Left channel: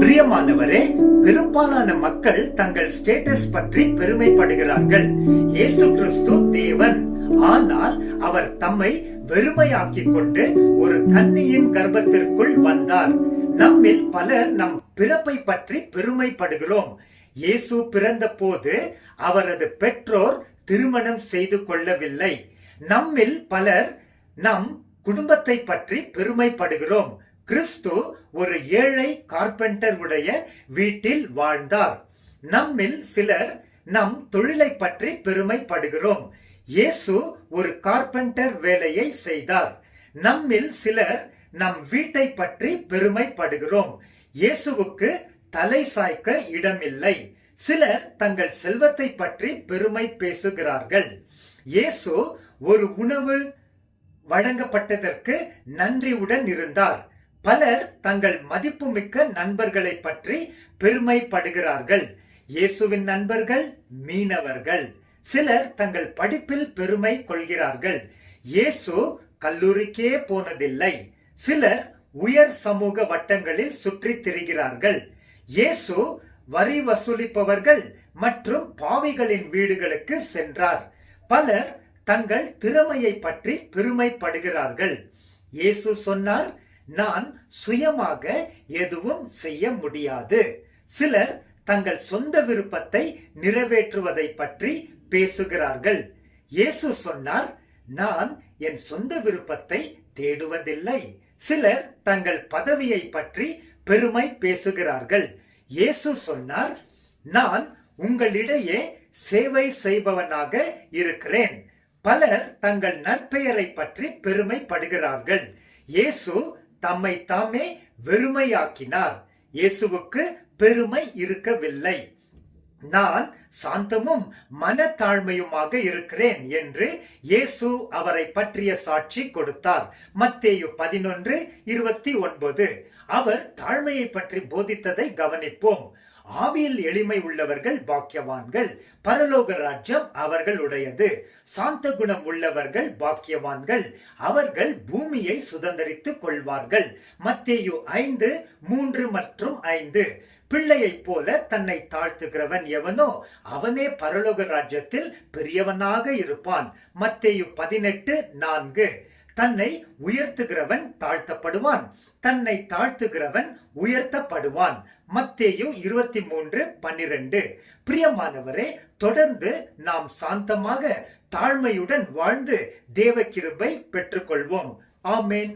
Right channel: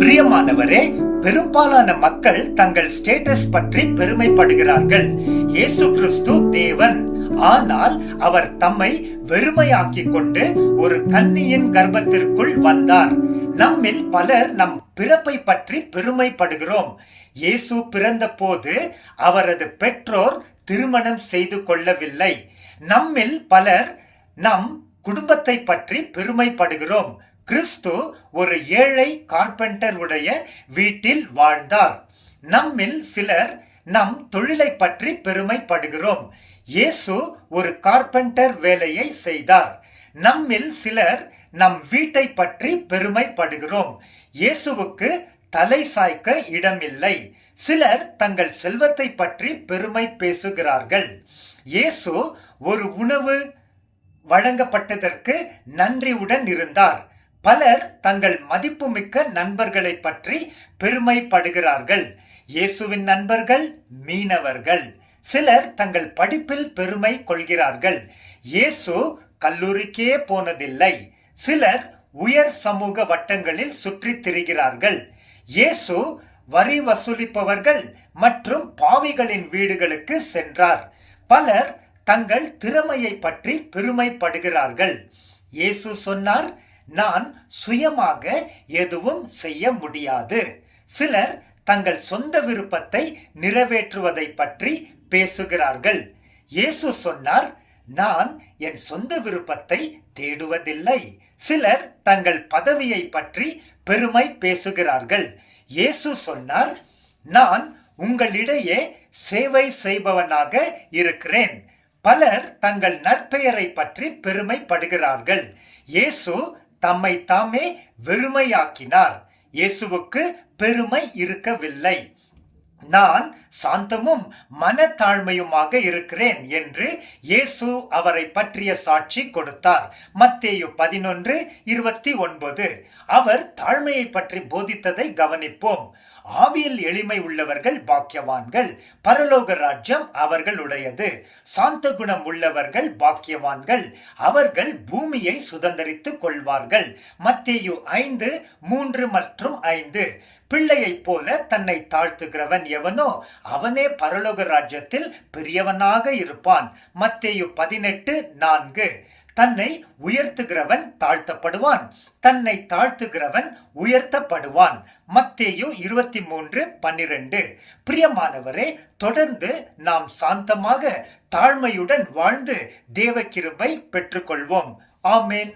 பிரியமானவரே, பெரும்பாலான மக்கள் தங்கள் ஸ்டேட்டஸ் பற்றி பெருமைப்படுகிறார்கள். இயேசு கிறிஸ்து தேவன், ஆனால் அவர் தம்மை வெறுமையாக்கிக் கொண்டு ஒரு கன்னியின் கர்ப்பத்திற்குள் வந்தார். நம்மில் பலர் நம் பிறப்பை பற்றி பெருமைப்படுகிறோம். இயேசு பிறந்த போது அவரது பெற்றோர் திருமணம் செய்து கொள்ளவில்லை. நம்மில் பலர் நம் குடும்பத்தை பற்றி பெருமைப்படுகிறோம். கிறிஸ்து ஒரு ஏழை கார்பெண்டர் உடைய வீட்டில் வாழ்ந்தார். நம்மில் சிலர் நம் தொழிலை பற்றி பெருமைப்படுகிறோம். இயேசு ஒரு கார்பெண்டர் வேலையை செய்தார். நம்மில் சிலர் நம் வீட்டை பற்றி பெருமைப்படுகிறோம். இயேசுவுக்கு தலை சாய்க்க இடமில்லை. சிலர் தங்கள் செல்வத்தை பற்றி பெருமை பேசுகிறார்கள். இயேசு ஒரு உணவு வழங்கப்பட்டதற்கு நன்றியுடன் இருந்தார். பலர் தங்கள் மதிப்புமிக்க நண்பர்களை பற்றி பெருமைப்படுகிறார்கள். இயேசுவின் நண்பர்கள் மீனவர்கள். சிலர் தங்கள் படிப்பில் பெருமை கொள்கிறார்கள். இயேசு கல்லூரிக்கே போனதில்லை. சிலர் உயர் சமூக வட்டங்களில் சுற்றித் திரிகிறார்கள். இயேசு வரி வசூலிப்பவர்கள் மற்றும் பாவிகளின் வீடுகளுக்கு சென்றார். பலர் தங்கள் திறமையை பற்றி பெருமைப்படுகிறார்கள். இயேசு சொன்னார், நான் சுயமாக எதுவும் செய்ய முடியாது. சிலர் தங்கள் சொந்த விருப்பத்தை நிறைவேற்றுவதை பற்றி பேசுகிறார்கள். இயேசு சொன்னார், நான் என் சொந்த விருப்பத்தை தேடுவதில்லை. சிலர் தங்கள் பதவியை பற்றி பெருமை பேசுகிறார்கள். இயேசு சொன்னார், நான் உங்களிடையே சேவை செய்பவனாக இருக்கிறேன். பலர் தங்கள் நற்பெயரை பற்றி பெருமைப்படுகிறார்கள். இயேசு தம்மை தாமே வெறுமையாக்கினார். இயேசுவுக்கு பெருமை இருக்கவில்லை. நான் சாந்தமும் மனத்தாழ்மையுமாக இருக்கிறேன் என்று இயேசு அவரை பற்றிய சாட்சி கொடுத்தார். மத்தேயு 11:29. அவர் தாழ்மையை பற்றி போதித்ததை கவனிப்போம். ஆவியில் எளிமை உள்ளவர்கள் பாக்கியவான்கள், பரலோக ராஜ்யம் அவர்களுடையது. சாந்த குணம் உள்ளவர்கள் பாக்கியவான்கள், அவர்கள் பூமியை சுதந்தரித்துக் கொள்வார்கள். மத்தேயு 5:3 மற்றும் 5. பிள்ளையைப் போல தன்னை தாழ்த்துகிறவன் எவனோ அவனே பரலோக ராஜ்யத்தில் பெரியவனாக இருப்பான். மத்தேயு 18:4. தன்னை உயர்த்துகிறவன் தாழ்த்தப்படுவான், தன்னை தாழ்த்துகிறவன் உயர்த்தப்படுவான். மத்தேயு 23:12. பிரியமானவரே, தொடர்ந்து நாம் சாந்தமாக தாழ்மையுடன் வாழ்ந்து தேவ கிருபை பெற்றுக்கொள்வோம். ஆமென்.